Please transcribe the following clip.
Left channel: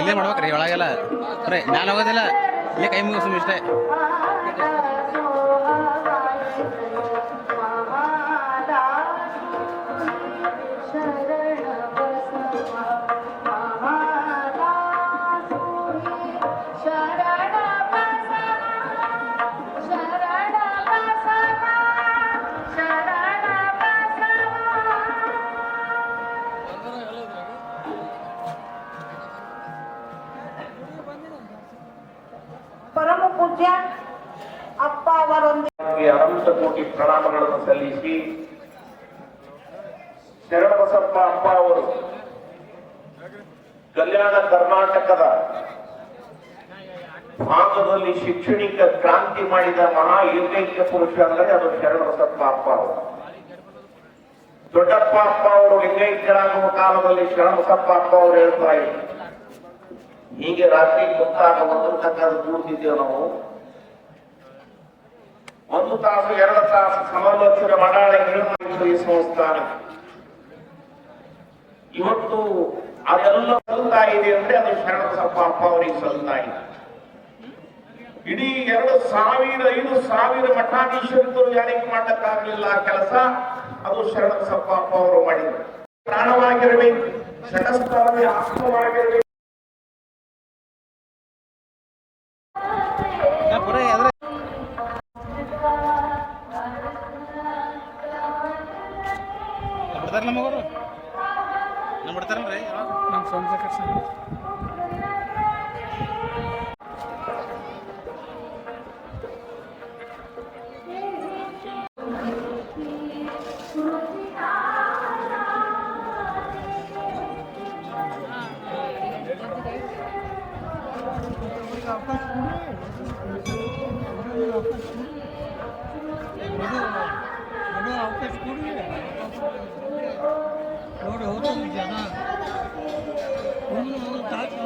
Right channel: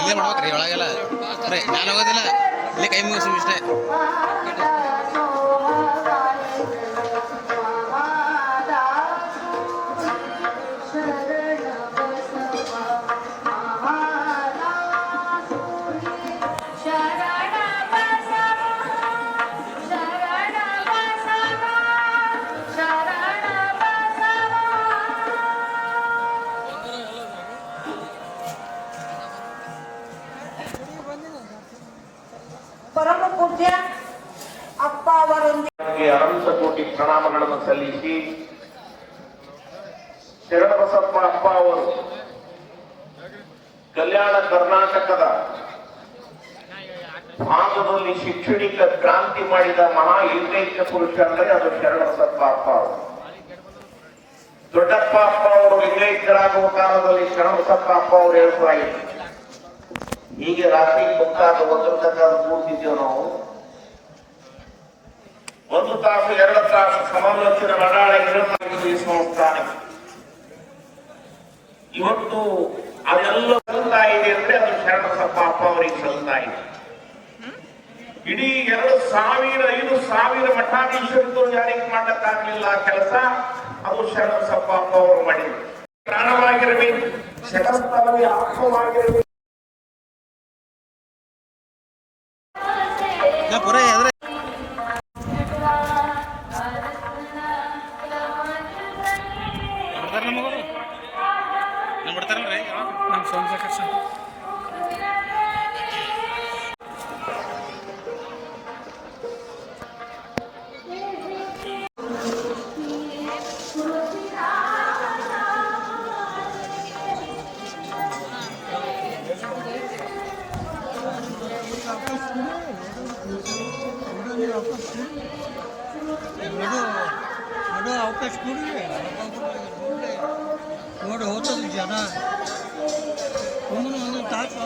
ಇಲ್ಲೇ ಮಾಡ್ಬೇಕ್ರಿ ಒಳಗೆಲ್ಲ ನಾನು ಹೋಗೋದಿಲ್ಲ ಇಲ್ಲೇ ಕೈ ಮುಗಿಸ್ ಇಷ್ಟೇ. ಪರಮ ಪೂಜ್ಯ ಅಪ್ಪ ಅವರೊಂದಿಗೆ ಅನಂತ ಕೋಟಿ ಪ್ರಣಾಮಗಳನ್ನು ಸಲ್ಲಿಸಿ ಶರಣಬಸಪ್ಪ ಅಪ್ಪ ಅವರು ಕಲ್ಯಾಣ ಕರ್ನಾಟಕದ ಭಾಗದಲ್ಲಿ ಶೈಕ್ಷಣಿಕ ಕ್ರಾಂತಿ ಮಾಡಿದ ಮಹಾ ಏಕೈಕ ಪುರುಷ ಅಂದರೆ ಅದು ಶರಣಬಸಪ್ಪ ಅಪ್ಪ ಅವರು. ದೊಡ್ಡಪ್ಪ ಅಪ್ಪ ಅವರು ಲಿಂಗೈಕ್ಯರಾಗುವ ಕಾಲದಲ್ಲಿ ಶರಣಬಸಪ್ಪ ಅಪ್ಪ ಅವರು ಹೇಳ್ತಾ ಇದ್ರು, ಹೀಗೆ ರಾತ್ರಿ ಗೊತ್ತಾಗ ಒಂದು ತನಕ ಕೂರ್ತಿದ್ದೇವೆ ನಾವು, 1 ತಾಸು 2 ತಾಸು ಸಮಾಲೋಚನೆ ಮಾಡಾಳಿ ಸಂಸ್ಥಾನ ಇವತ್ತು ಅದೆಲ್ಲ ಸಲ್ತಾ ಇದೆ ಅಂದ್ರೆ ಅದು ಶರಣಬಸಪ್ಪ ಅಪ್ಪ ಅವರಿಗೆ ಸಲ್ತಾ ಇದೆ. ಇಡೀ 2,000-5,000 ಮಠಾಧೀಶರು ಯಾರಿಗೆ ಮಾಡಕ್ಕಾಗಲಿಲ್ಲ ಕೆಲಸ, ಅದು ಶರಣಬಸಪ್ಪ ಅಪ್ಪ ಅವರು ಮಾಡಿದರು. ಕಾರಣವಾಗಿರಬೇಕು, ಶರಣಬಸಪ್ಪ ಅವರಿಗೆ ಆತ್ಮವಾಗಿರಬೇಕು. ನಮ್ಮ ಸೋಮಶೇಖರ್ ಸರ್ ಅವಕಾಶ ಕೊಡಿ ನೋಡಿ ಹೋಗ್ತದೆ ಜನ ಒಂದು ತಾಸು